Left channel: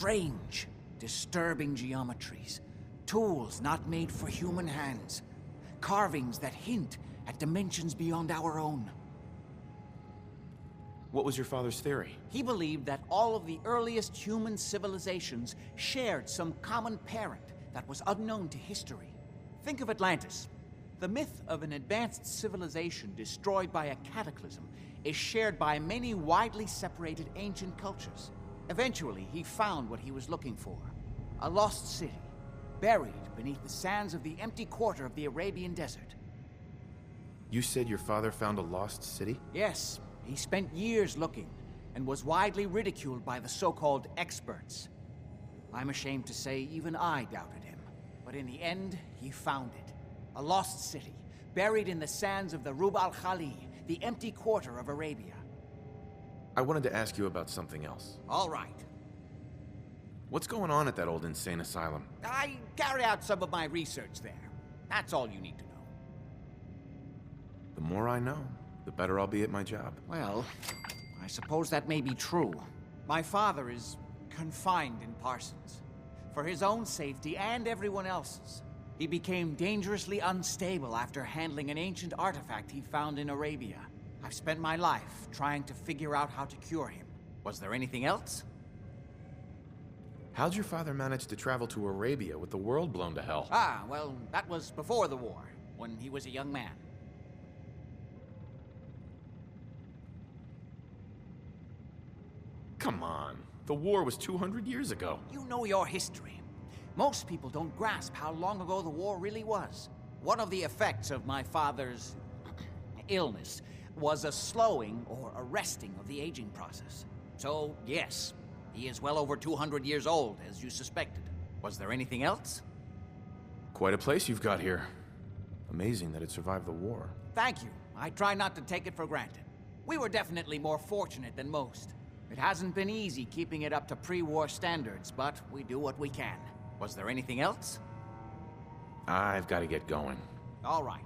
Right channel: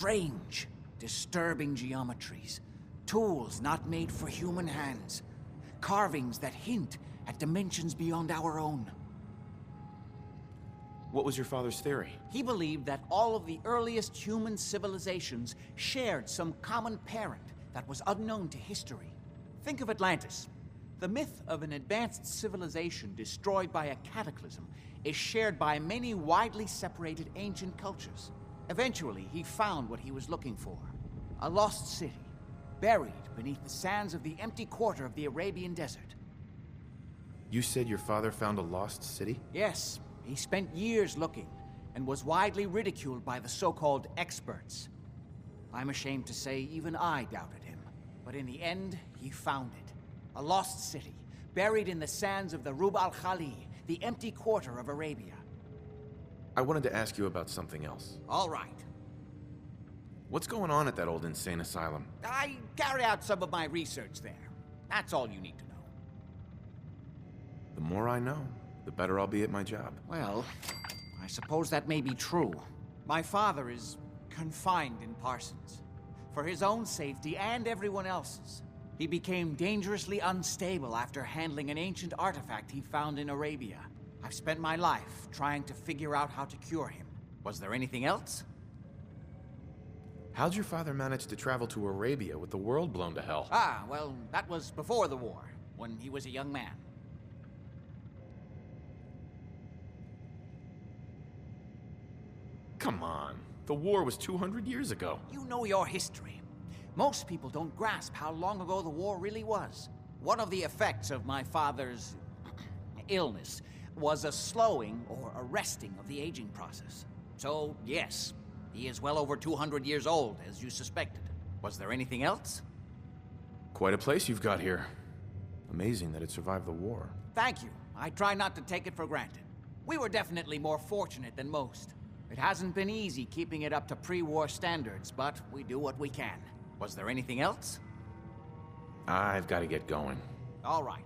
Strange, disturbing geometries. Tools not made for human hands. Carvings that hint at dimensions beyond our own. What was your father's theory? He believed that all of the earliest human civilizations shared some common parent that was unknown to history. Think of Atlantis. The myth of an advanced civilization destroyed by a cataclysm is shared by many widely separated ancient cultures. Eventually, he found what he was looking for. A lost city, buried beneath the sands of the empty quarter of the Arabian desert. You said your father found a lost city? Yes, he spent years looking, and was widely ridiculed by the so-called experts. I'm ashamed to say even I doubted him. But in the end, he found it. A lost city, buried in the sands of the Rub al-Khali, the empty quarter of Arabia. I wanted to ask you about something else. All right. What's going on at that old insane asylum? I carry out some of my research there. That's all you need to know. The more I know, the better I'll be at my job. Well, I suppose that may be true. My father is confined in Parsons. For his own safety and everyone else's. He became dangerously unstable after handling an ancient artifact he found in Arabia. I've spent my life trying to figure out how to cure him. Was there anything else? How'd your father manage to travel to Arabia with the world blown to hell? Ah, well, that was before the war, when he was a young man. Come on. The war was 200 years ago. You know your history. Most people don't grasp how long ago the war really was. One of the effects of my father's illness was a slowing or arresting of the aging process. So, yes, he is well over 200 years old, as you suspected. Was there anything else? Quite a place you've got here. Amazing that it survived the war. Thank you. I try not to take it for granted. We were definitely more fortunate than most. It hasn't been easy keeping it up to pre-war standards, but we do what we can. Was there anything else? I've got to get going. All right.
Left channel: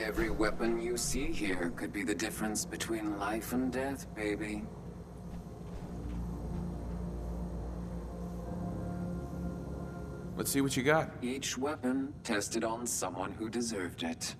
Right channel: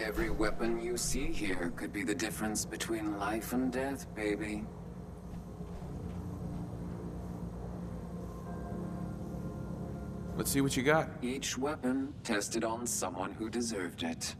Every weapon you see here could be the difference between life and death, baby. Let's see what you got. Each weapon tested on someone who deserved it.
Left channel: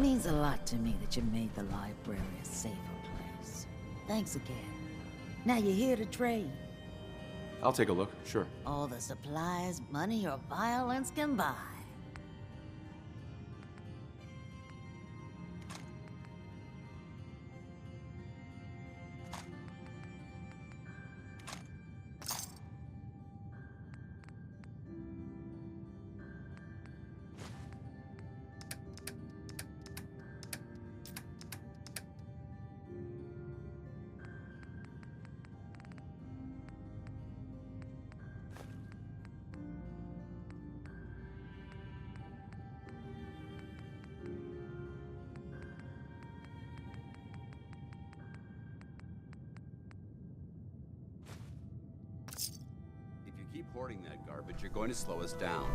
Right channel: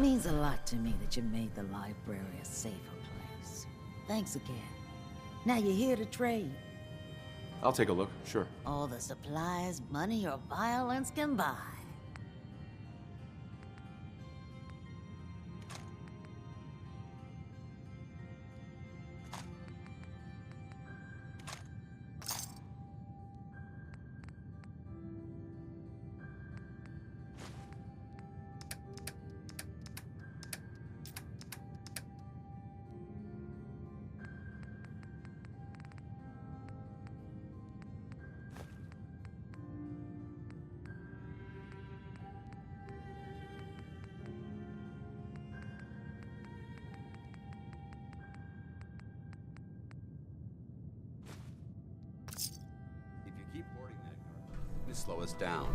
Means a lot to me that you made the library a safer place. Thanks again. Now you're here to trade. I'll take a look, sure. All the supplies, money, or violence can buy. If you keep hoarding that garbage, you're going to slow us down.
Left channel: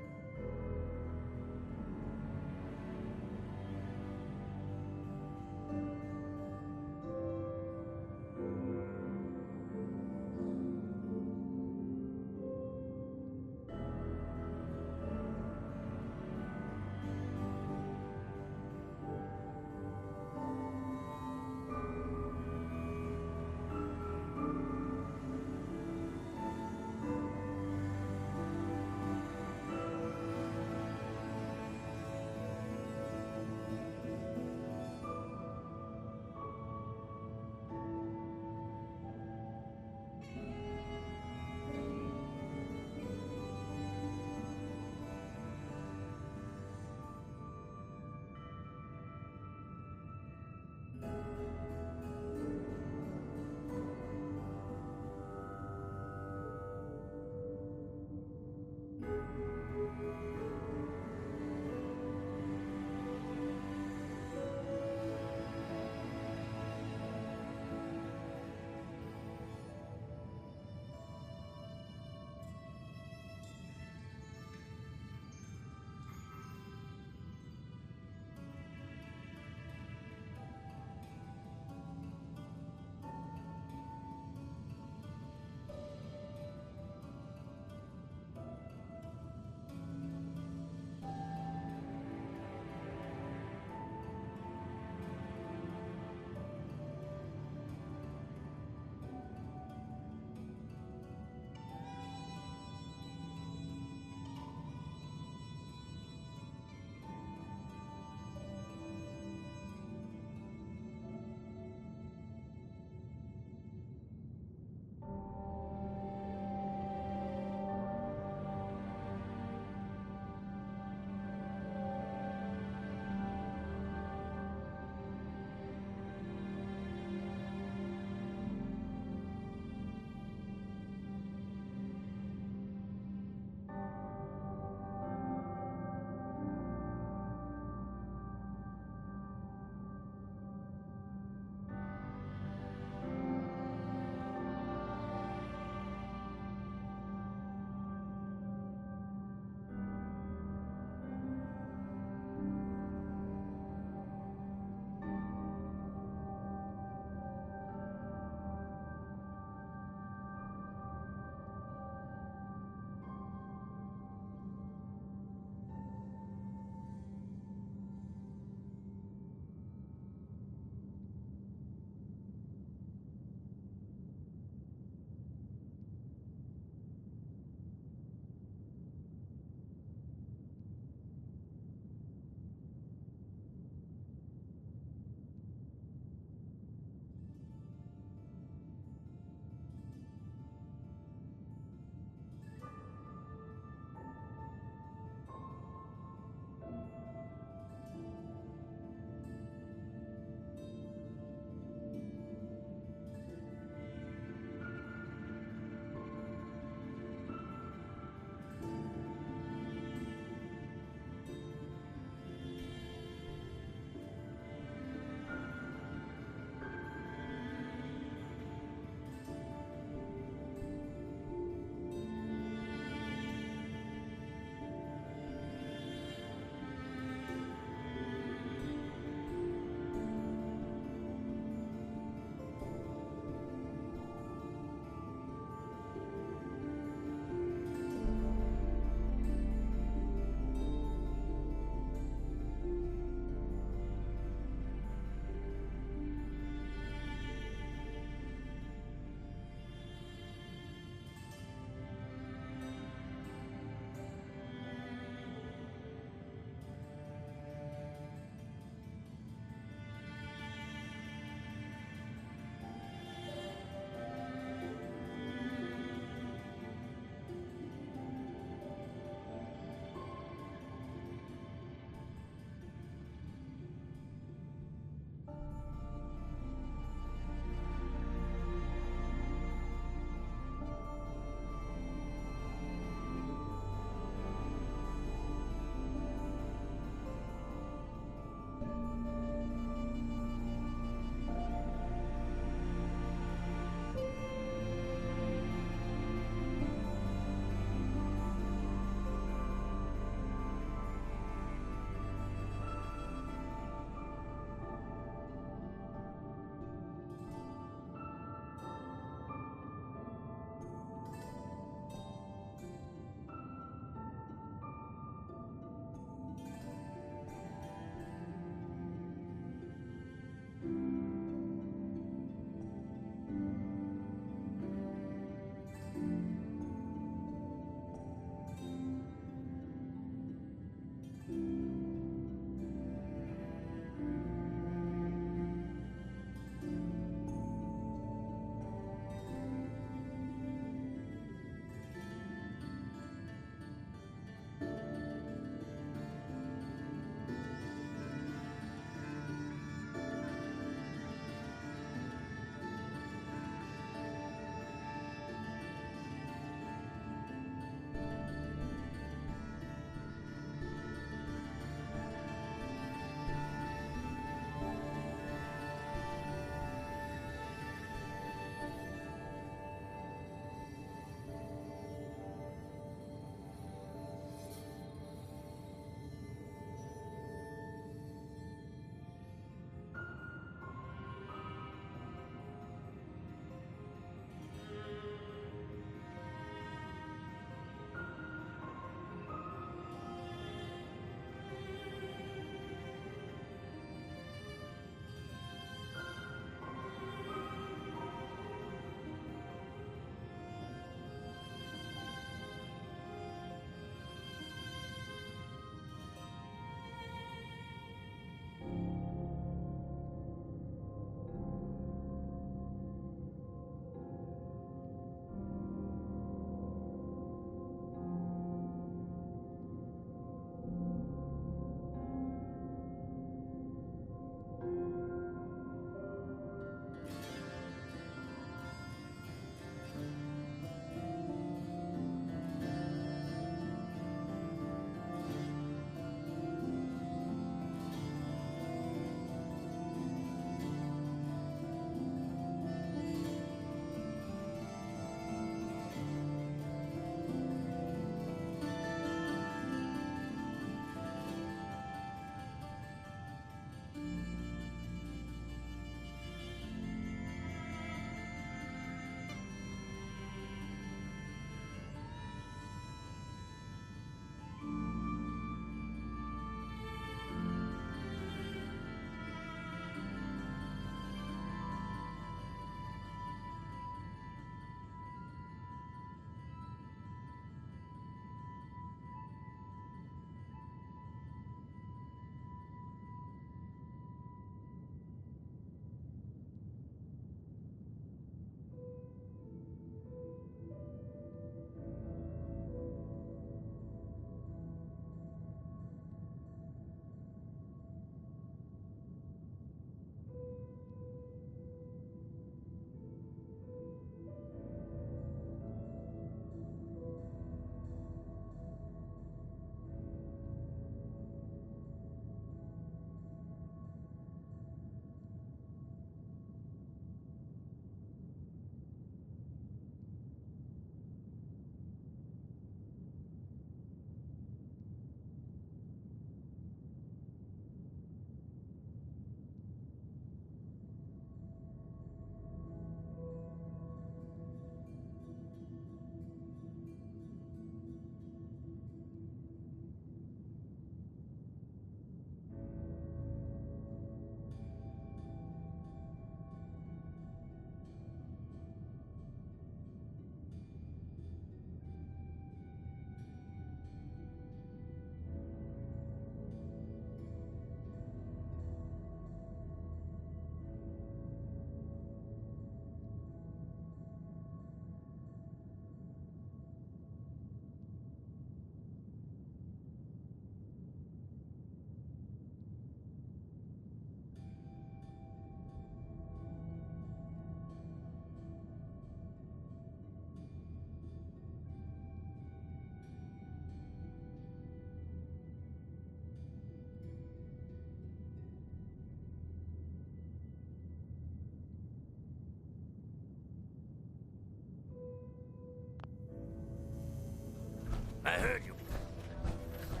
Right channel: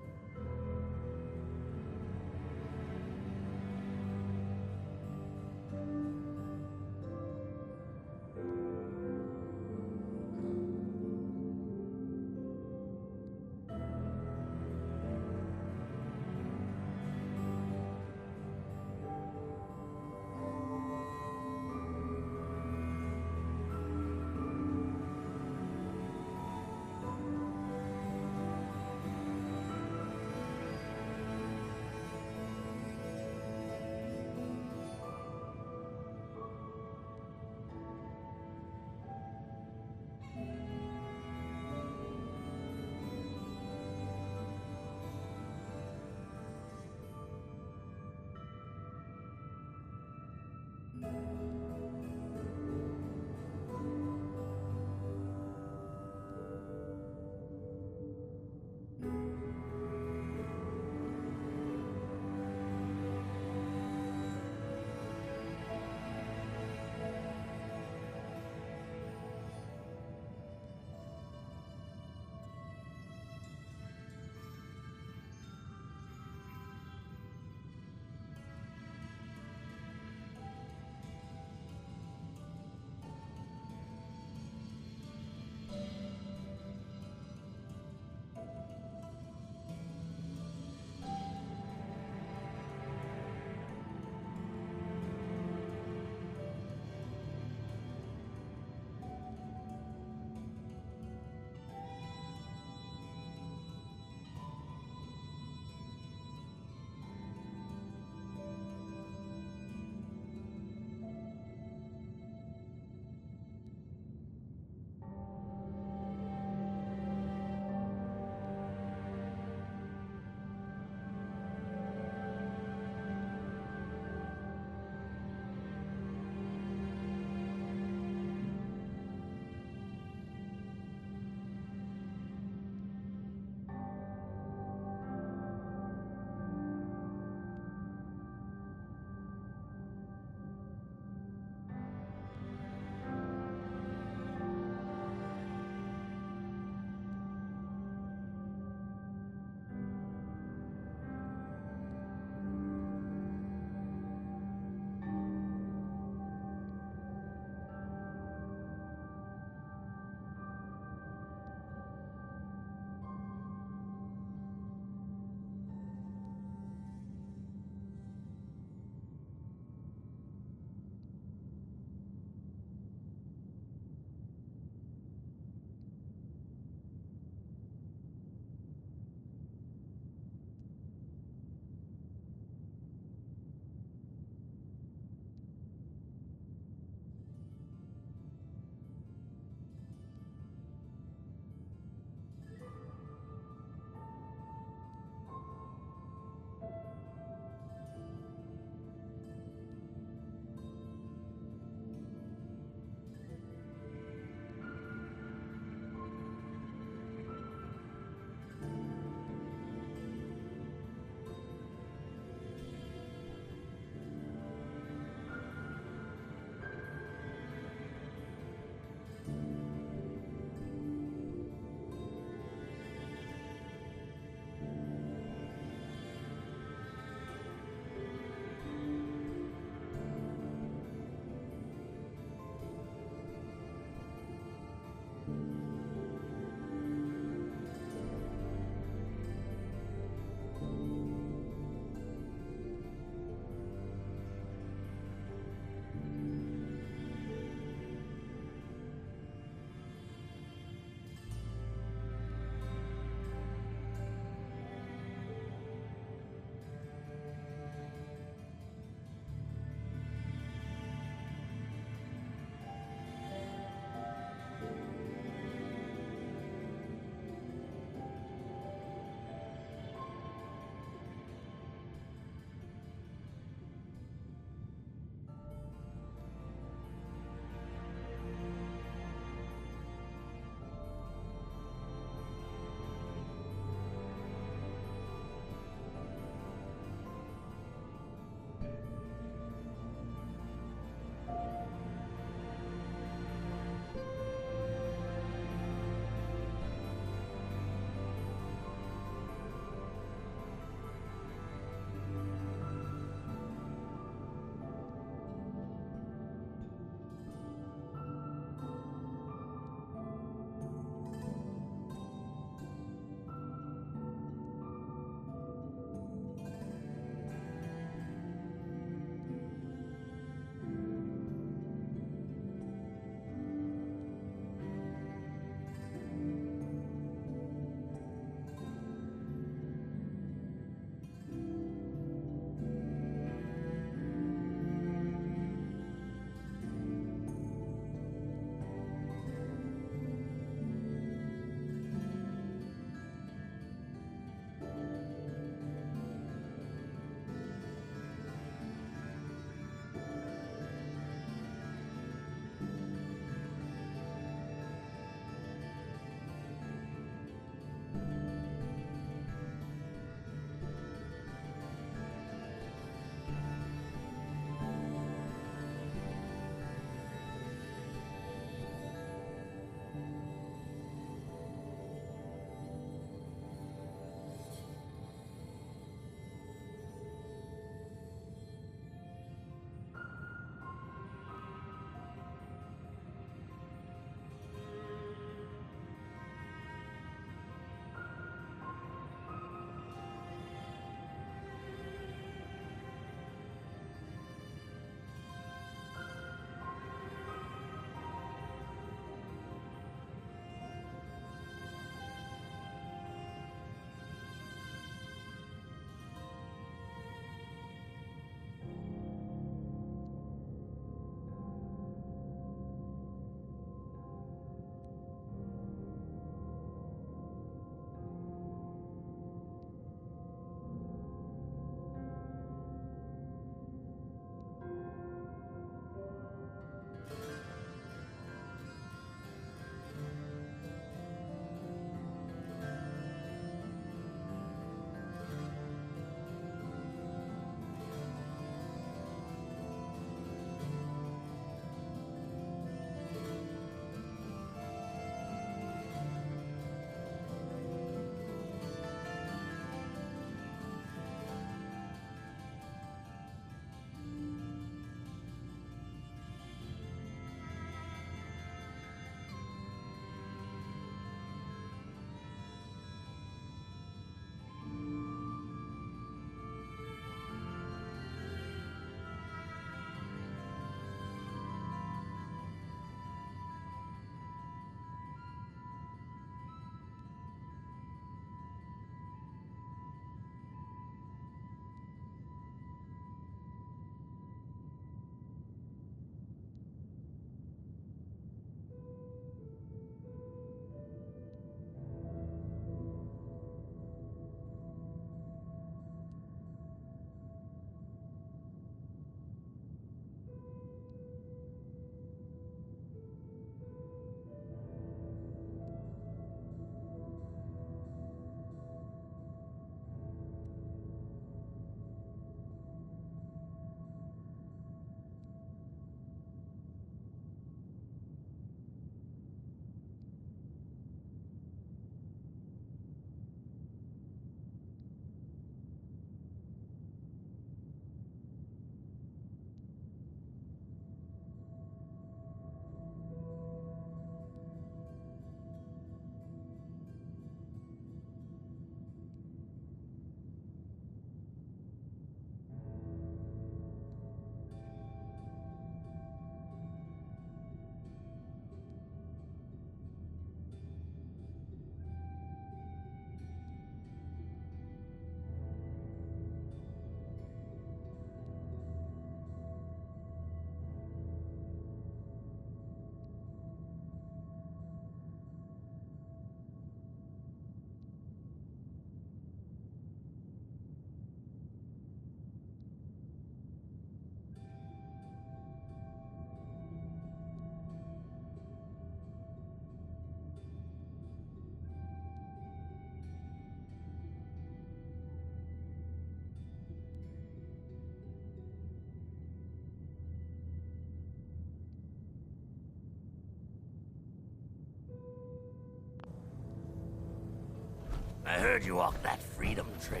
I heard you walked that freedom trail.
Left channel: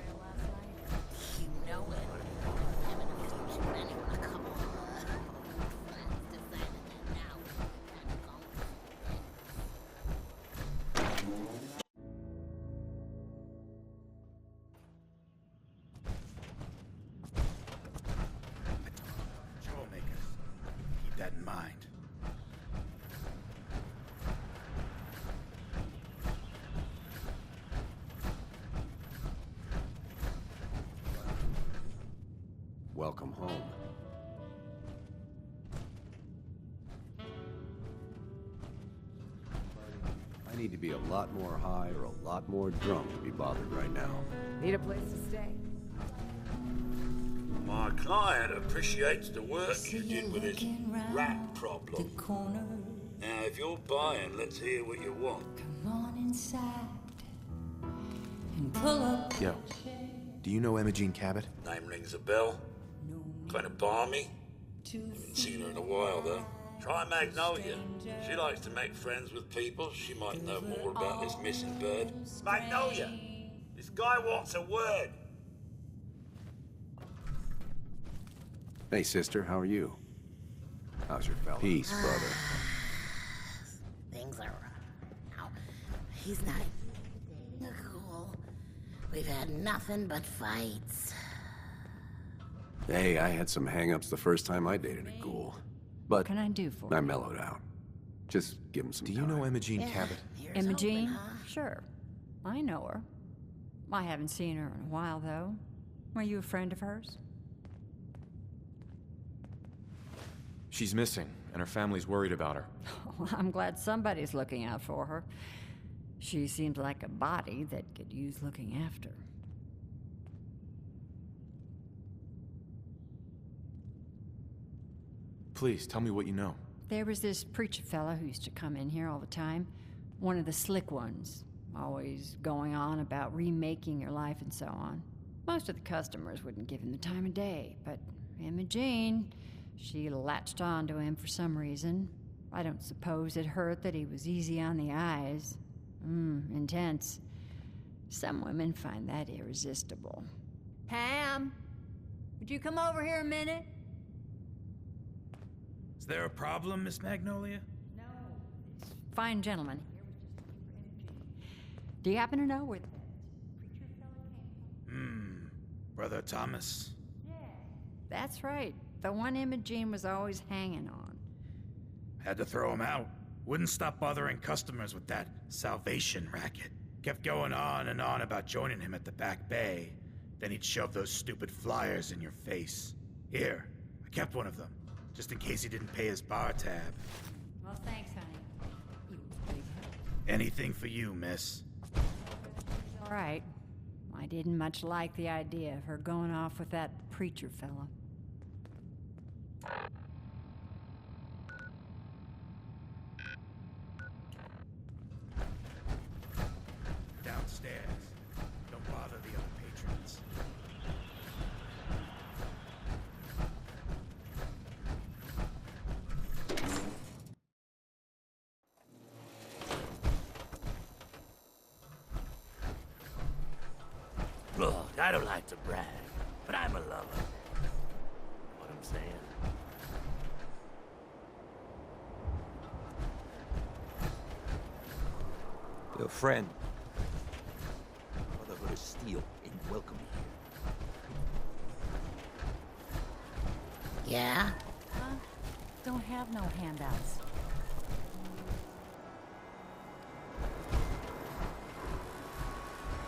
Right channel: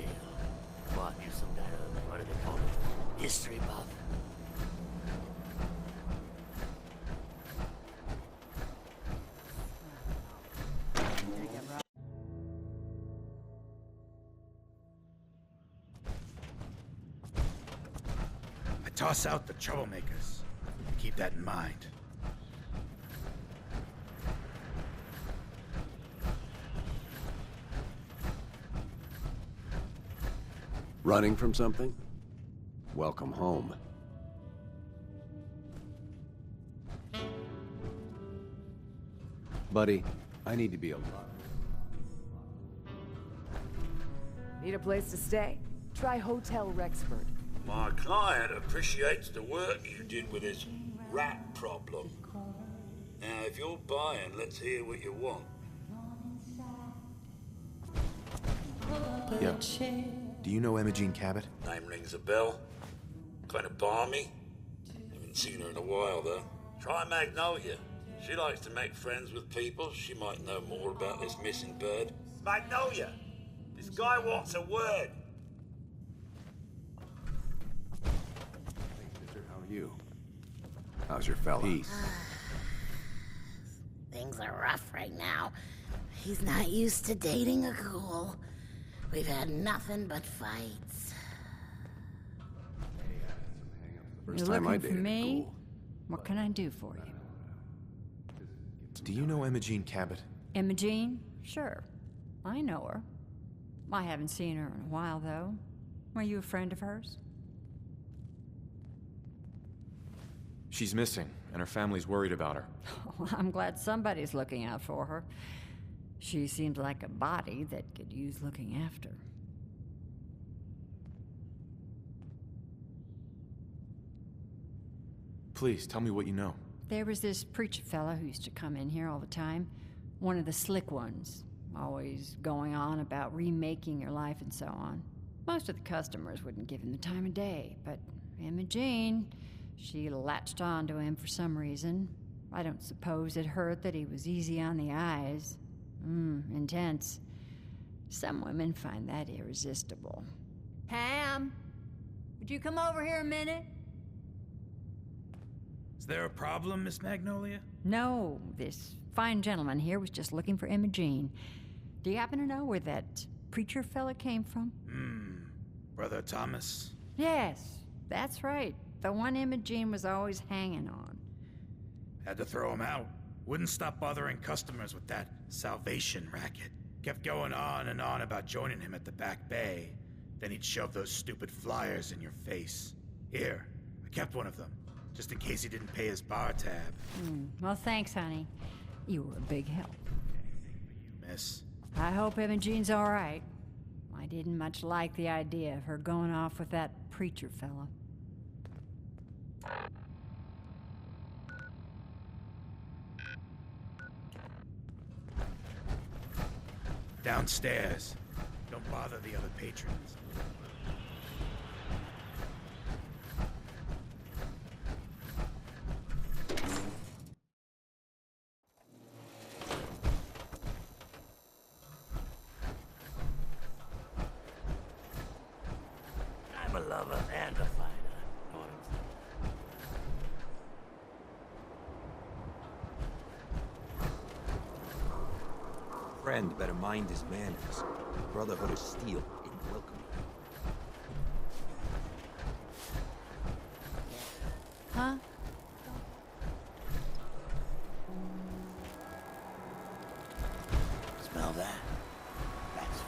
What do they call it? History book. I toss out the troublemakers. Keep that in mind. Running from something? Welcome home. Buddy, I need to be a lot more high or a lot more drunk to be bothered right now. Need a place to stay? Try Hotel Rexford. My client appreciates the work you did with his rat problem. Now, if you're buying, let's hear what you want. Yo, do you know Imogene Cabot? Name rings a bell. Kind of balmy. Haven't seen her in a while, though. Try Magnolia. She likes to make friends with people. She might know more about this missing bird. Magnolia! This guy wants a word. Hey, sister, how are you? How's your fella? Peace, brother. Things are rough right now. He's not used to dating a ghoul. We've had nothing but fights. Hey, I had some hang-ups the first You're time I looking for dated a me? ghoul. What But can I do for I you? mellowed out. Just give him some Do you time. know Imogene Cabot? Imogene? Sure. I know her. I haven't seen her in a while, though. Were you a friend of hers? She's missing, and her family's worried about her. Well, I'm glad somebody's looking out for her. She seems like a body that could use looking after. Please, tell me what you know. There was this preacher fella who used to come in here all the time. One of the slick ones. Always going on about remaking your life and so on. Most of the customers wouldn't give him the time of day, but Imogene, she latched on to him for some reason. I don't suppose it hurt that he was easy on the eyes. Intense. Some women find that irresistible. Pam, would you come over here a minute? Is there a problem, Miss Magnolia? No, this fine gentleman here was just looking for Imogene. Do you happen to know where that preacher fella came from? Brother Thomas? Yes, that's right. The one Imogene was always hanging on. Had to throw him out. Wouldn't stop bothering customers with that salvation racket. Kept going on and on about joining him at the back bay. Then he'd shove those stupid flyers in your face. Here, I kept one of them, just in case he didn't pay his bar tab. Well, thanks, honey. You were a big help. Anything for you, miss. I hope Imogene's all right. I didn't much like the idea of her going off with that preacher fella. Downstairs. Don't bother the other patrons. Look, I don't like to brag, but I'm a lover and a fighter. Know what I'm saying? Your friend better mind his manners. Brotherhood of Steel ain't welcome here. Yeah? Huh? Don't have no handouts. Smell that? That's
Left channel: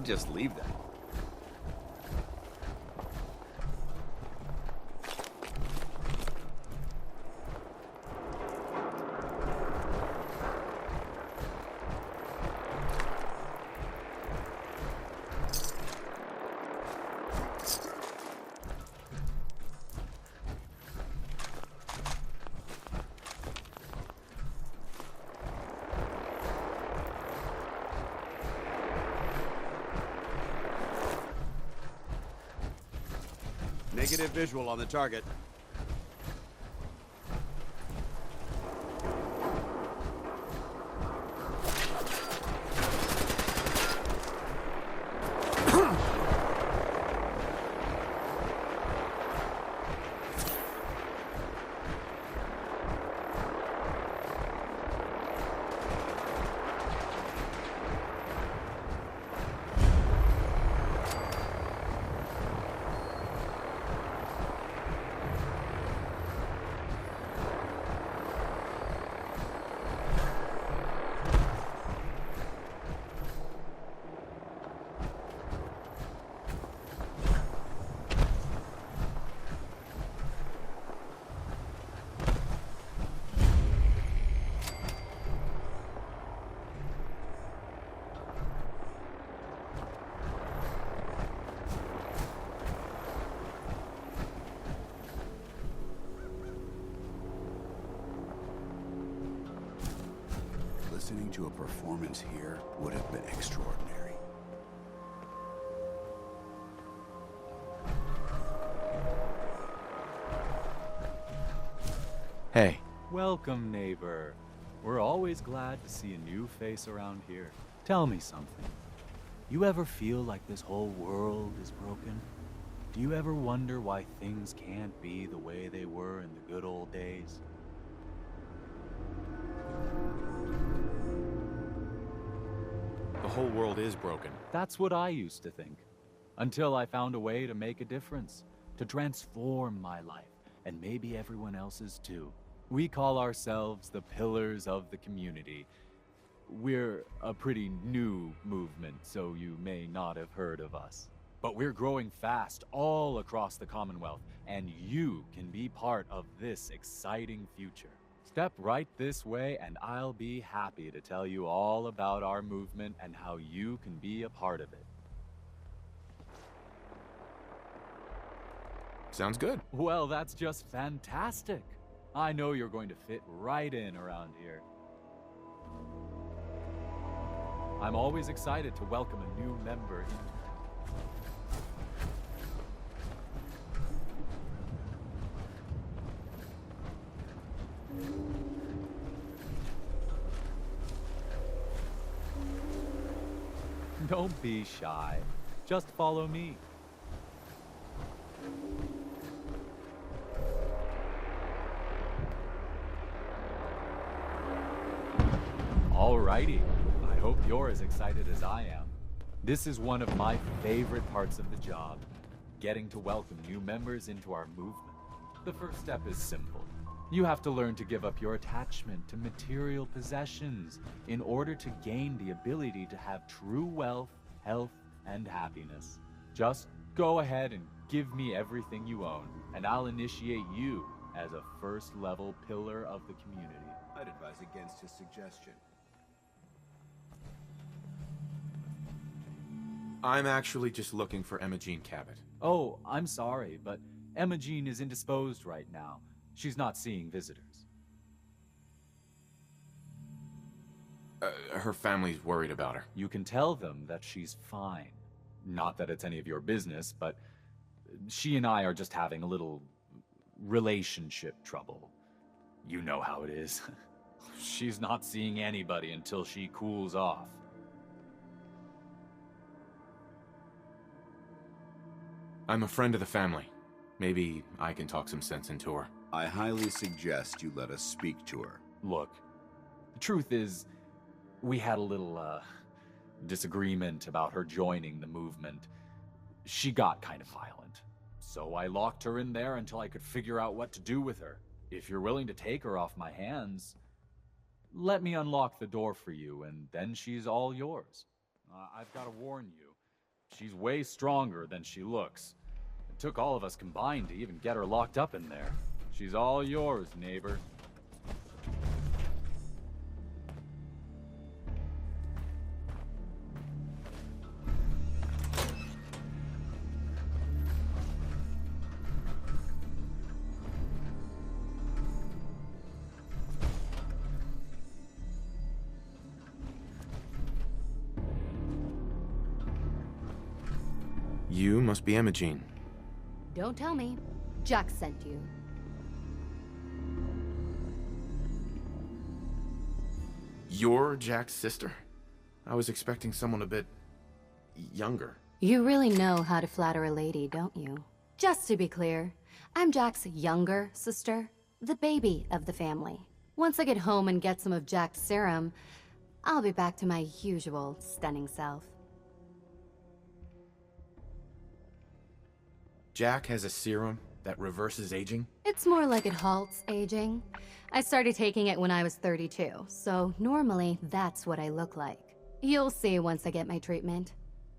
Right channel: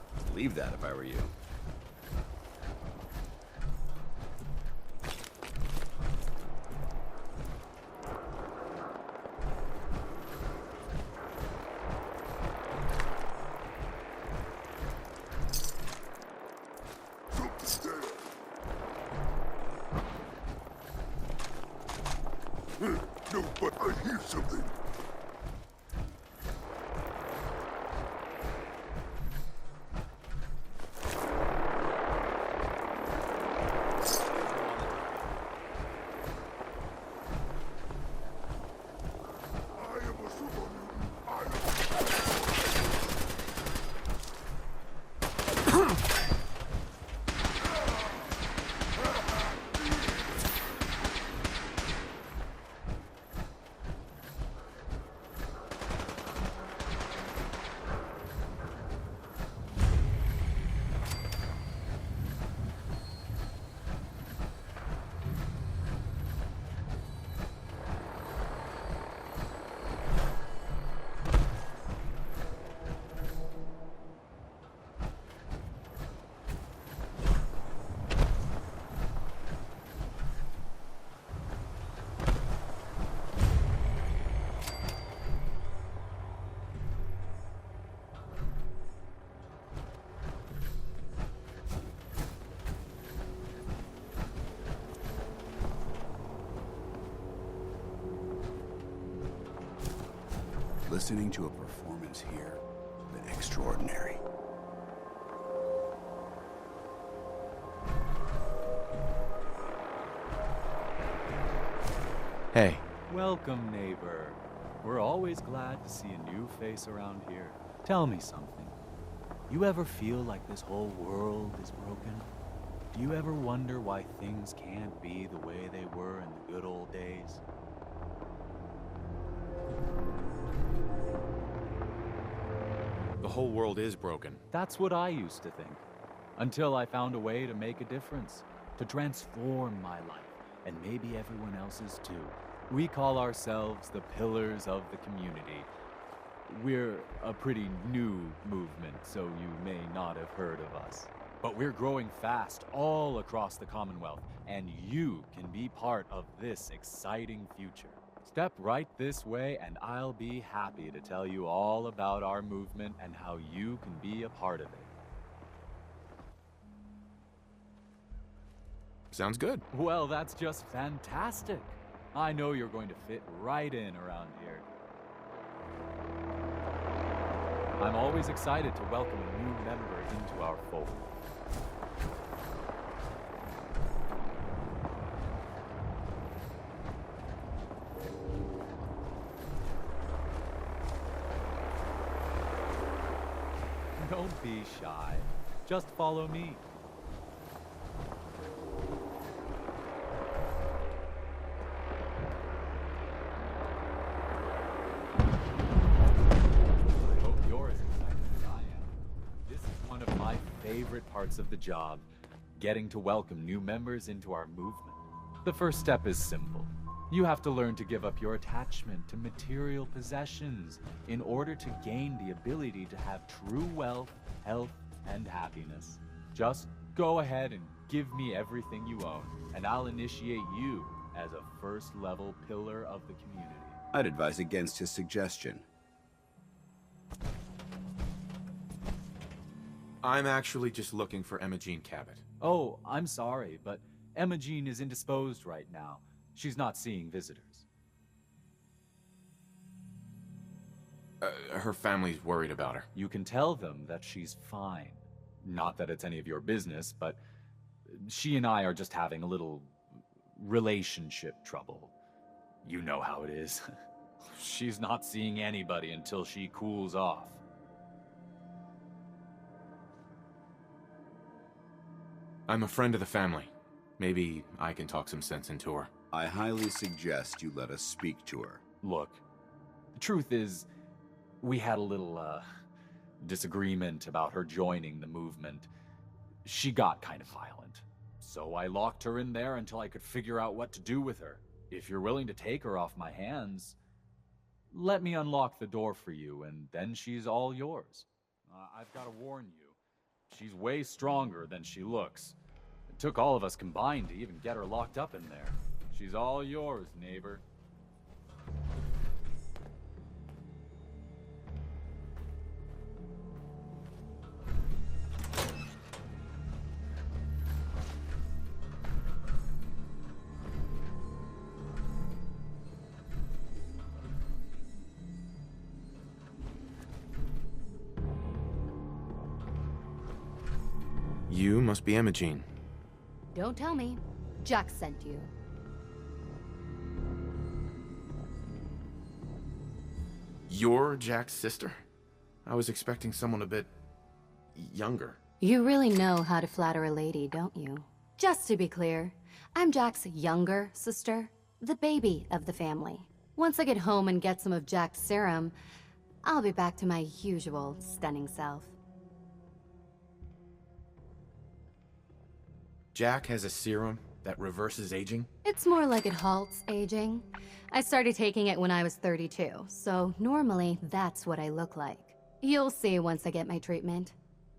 I'd just leave that if I were you. No, but I hear something. Negative visual on the target. Listening to a performance here would have been extraordinary. Hey. Welcome, neighbor. We're always glad to see a new face around here. Tell me something. You ever feel like this whole world is broken? Do you ever wonder why things can't be the way they were in the good old days? The whole world is broken. That's what I used to think. Until I found a way to make a difference. To transform my life. And maybe everyone else's too. We call ourselves the Pillars of the Community. We're a pretty new movement, so you may not have heard of us. But we're growing fast all across the Commonwealth, and you can be part of this exciting future. Step right this way, and I'll be happy to tell you all about our movement and how you can be a part of it. Sounds good. Well, that's just fantastic. I know you're going to fit right in around here. I'm always excited to welcome a new member into our fold. Don't be shy. Just follow me. Alrighty. I hope you're as excited as I am. This is one of my favorite parts of the job, getting to welcome new members into our movement. The first step is simple. You have to learn to give up your attachment to material possessions in order to gain the ability to have true wealth, health, and happiness. Just go ahead and give me everything you own, and I'll initiate you as a first-level pillar of the community. I'd advise against his suggestion. I'm actually just looking for Emma Jean Cabot. Oh, I'm sorry, but Emma Jean is indisposed right now. She's not seeing visitors. Her family's worried about her. You can tell them that she's fine. Not that it's any of your business, but she and I are just having a little relationship trouble. You know how it is. She's not seeing anybody until she cools off. I'm a friend of the family. Maybe I can talk some sense into her. I highly suggest you let us speak to her. Look, the truth is, we had a little, disagreement about her joining the movement. She got kind of violent. So I locked her in there until I could figure out what to do with her. If you're willing to take her off my hands, let me unlock the door for you, and then she's all yours. I've got to warn you, She's way stronger than she looks. It took all of us combined to even get her locked up in there. She's all yours, neighbor. You must be Imogene. Don't tell me. Jack sent you. You're Jack's sister? I was expecting someone a bit younger. You really know how to flatter a lady, don't you? Just to be clear, I'm Jack's younger sister, the baby of the family. Once I get home and get some of Jack's serum, I'll be back to my usual stunning self. Jack has a serum that reverses aging? It's more like it halts aging. I started taking it when I was 32, so normally that's what I look like. You'll see once I get my treatment.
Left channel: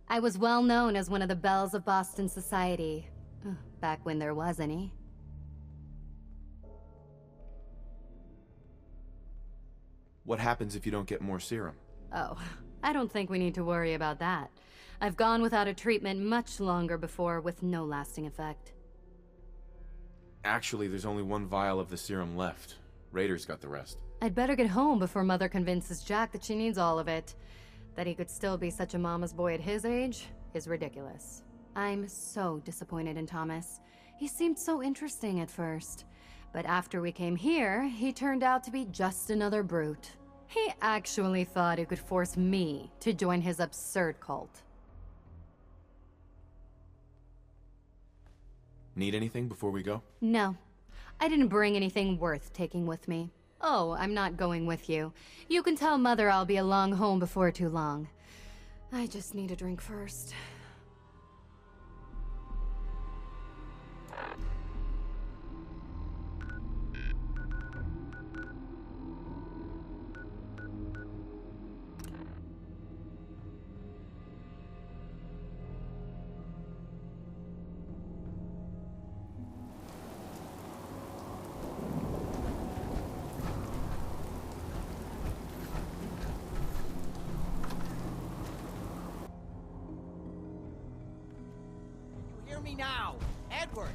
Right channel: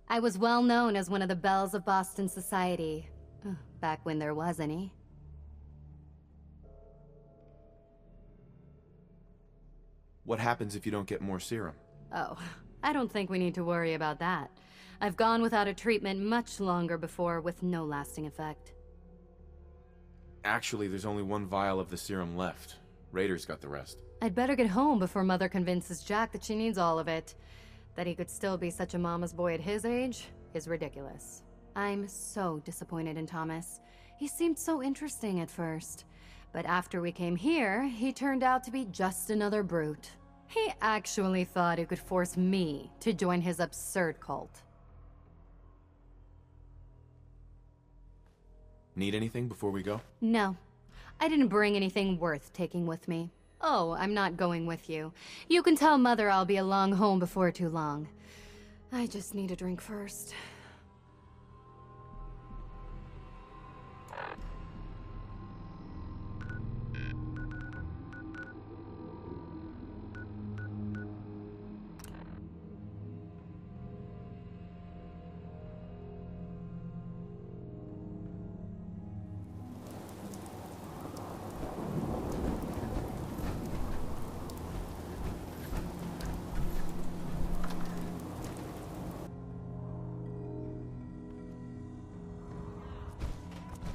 I was well known as one of the belles of Boston society, back when there was any. What happens if you don't get more serum? Oh, I don't think we need to worry about that. I've gone without a treatment much longer before with no lasting effect. Actually, there's only one vial of the serum left. Raiders got the rest. I'd better get home before Mother convinces Jack that she needs all of it. That he could still be such a mama's boy at his age is ridiculous. I'm so disappointed in Thomas. He seemed so interesting at first. But after we came here, he turned out to be just another brute. He actually thought he could force me to join his absurd cult. Need anything before we go? No. I didn't bring anything worth taking with me. Oh, I'm not going with you. You can tell Mother I'll be along home before too long. I just need a drink first. Now, Edward!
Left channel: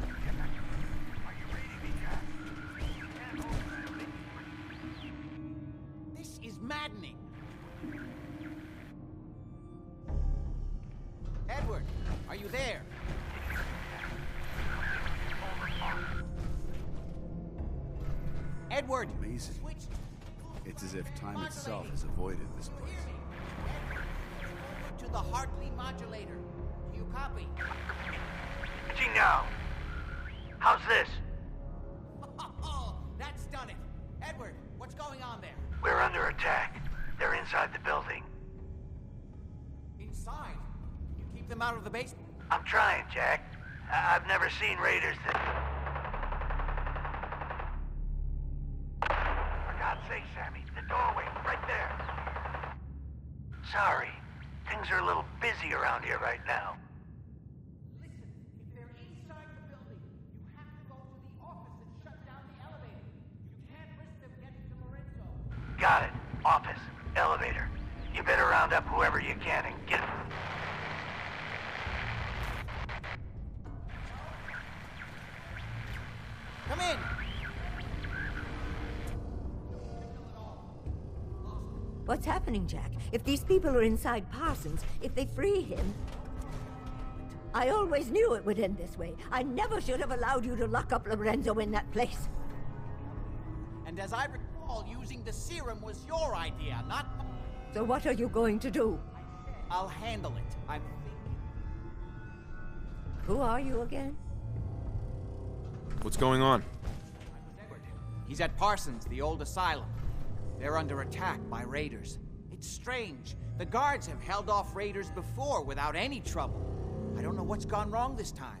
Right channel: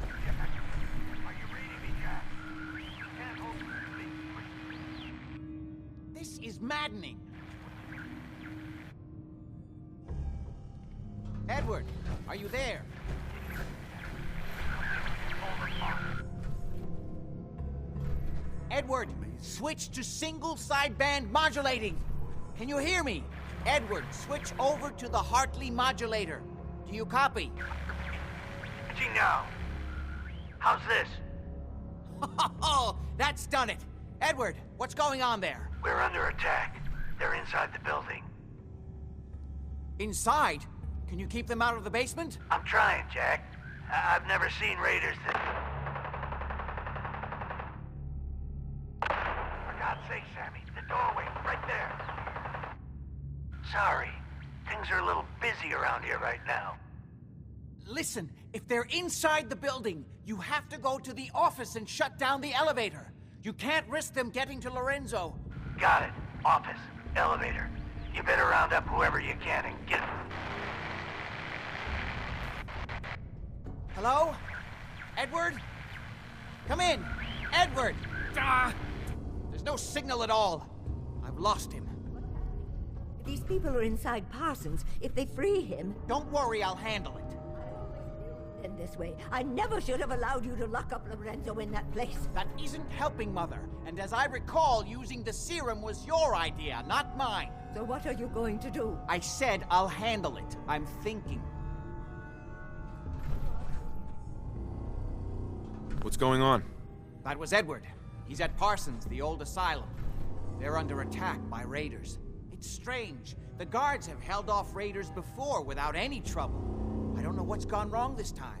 Are you reading me, Jack? You can't hold me. This is maddening! Edward, are you there? Edward, switch to single sideband modulating. Can you hear me? Edward, switch over to the Hartley modulator. Do you copy? See now. How's this? Oh, that's done it. Edward, what's going on there? We're under attack. They're inside the building. Inside? Can you keep them out of the basement? I'm trying, Jack. I've never seen raiders that... For God's sake, Sammy, the doorway, right there. Sorry. Things are a little busy around here right now. Listen, if they're inside the building, you have to go to the office and shut down the elevator. You can't risk them getting to Lorenzo. Got it. Office. Elevator. You better round up whoever you can and get... Hello? Edward? Come in! Edward! There's no signal at all. I've lost him. What's happening, Jack? If these people are inside Parsons, if they free him... Don't worry, I'll handle it. I always knew it would end this way. I never should have allowed you to lock up Lorenzo in that place. That isn't helping, Mother. And as I recall, using the serum was your idea, not mine. So what are you going to do? I said I'll handle it. I'm thinking. Who are you again? What's going on? That was Edward. He's at Parsons, the old asylum. They're under attack by raiders. It's strange. The guards have held off raiders before without any trouble. I don't know what's gone wrong this time.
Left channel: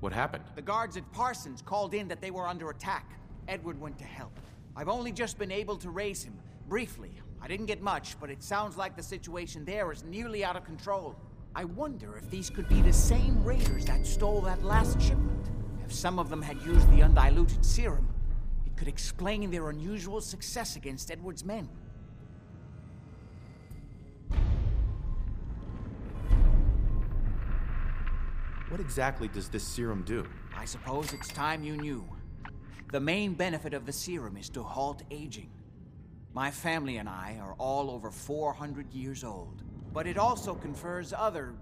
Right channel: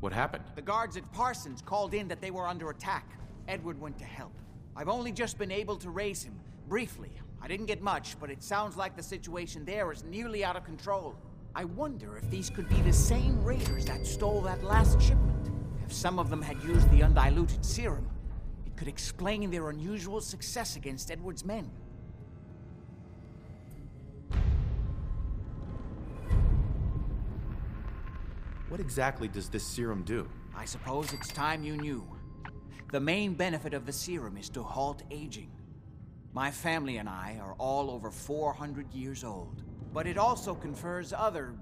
What happened? The guards at Parsons called in that they were under attack. Edward went to help. I've only just been able to raise him, briefly. I didn't get much, but it sounds like the situation there is nearly out of control. I wonder if these could be the same raiders that stole that last shipment. If some of them had used the undiluted serum, it could explain their unusual success against Edward's men. What exactly does this serum do? I suppose it's time you knew. The main benefit of the serum is to halt aging. My family and I are all over 400 years old. But it also confers other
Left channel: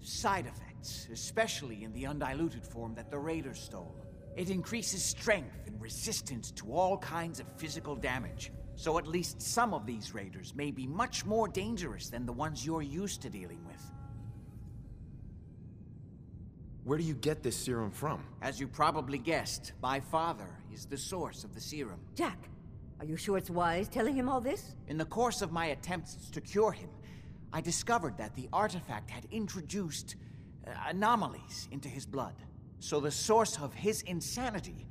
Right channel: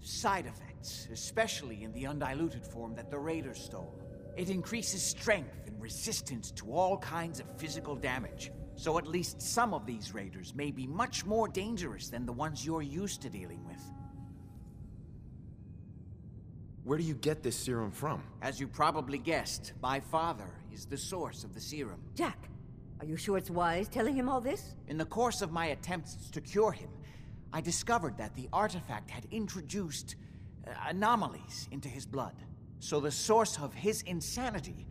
side effects, especially in the undiluted form that the raiders stole. It increases strength and resistance to all kinds of physical damage. So at least some of these raiders may be much more dangerous than the ones you're used to dealing with. Where do you get this serum from? As you probably guessed, my father is the source of the serum. Jack, are you sure it's wise telling him all this? In the course of my attempts to cure him, I discovered that the artifact had introduced anomalies into his blood. So the source of his insanity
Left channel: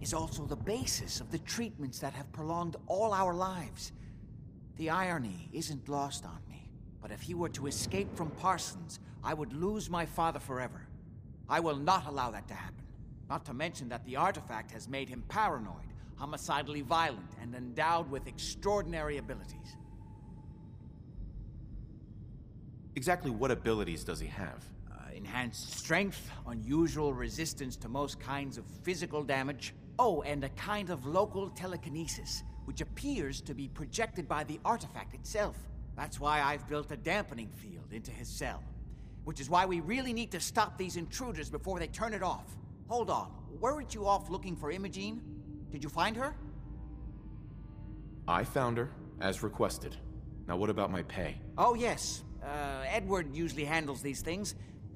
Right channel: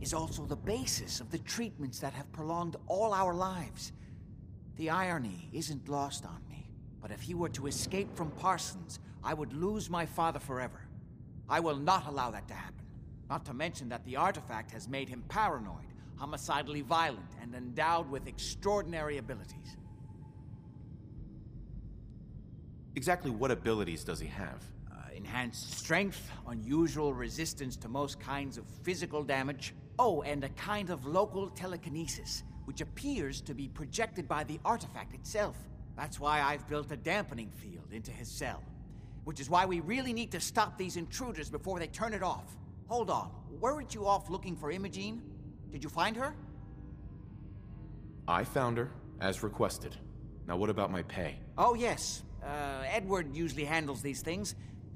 is also the basis of the treatments that have prolonged all our lives. The irony isn't lost on me, but if he were to escape from Parsons, I would lose my father forever. I will not allow that to happen. Not to mention that the artifact has made him paranoid, homicidally violent, and endowed with extraordinary abilities. Exactly what abilities does he have? Enhanced strength, unusual resistance to most kinds of physical damage. Oh, and a kind of local telekinesis, which appears to be projected by the artifact itself. That's why I've built a dampening field into his cell. Which is why we really need to stop these intruders before they turn it off. Hold on, weren't you off looking for Imogene? Did you find her? I found her, as requested. Now what about my pay? Oh yes, Edward usually handles these things.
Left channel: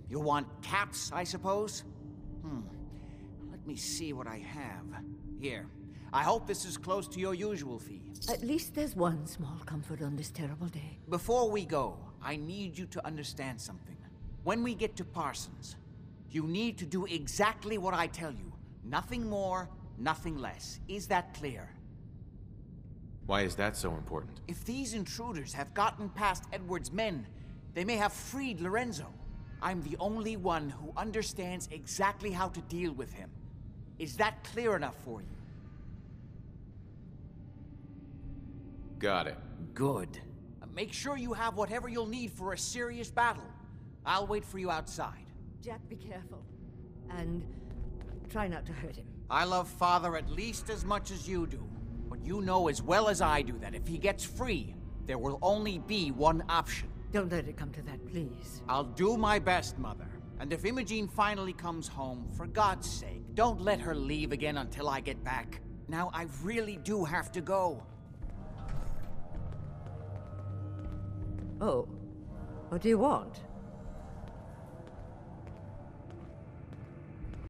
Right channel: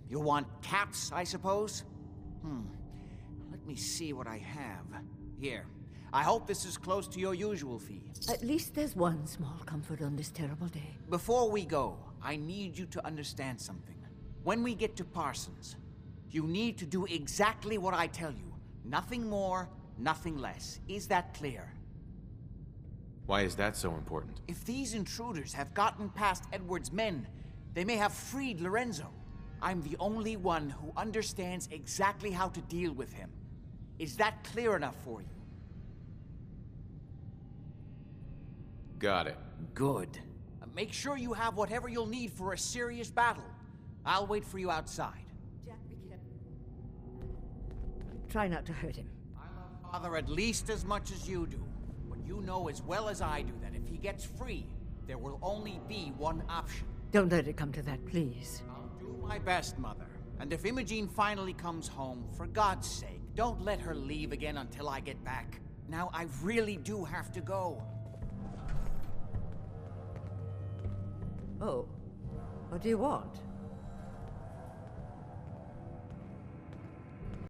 You'll want caps, I suppose? Let me see what I have. Here, I hope this is close to your usual fee. At least there's one small comfort on this terrible day. Before we go, I need you to understand something. When we get to Parsons, you need to do exactly what I tell you. Nothing more, nothing less. Is that clear? Why is that so important? If these intruders have gotten past Edward's men, they may have freed Lorenzo. I'm the only one who understands exactly how to deal with him. Is that clear enough for you? Got it. Good. Make sure you have whatever you'll need for a serious battle. I'll wait for you outside. Jack, be careful. And try not to hurt him. I love Father at least as much as you do. But you know as well as I do that if he gets free, there will only be one option. Don't let it come to that, please. I'll do my best, Mother. And if Imogene finally comes home, for God's sake, don't let her leave again until I get back. Now, I really do have to go. Oh. What do you want?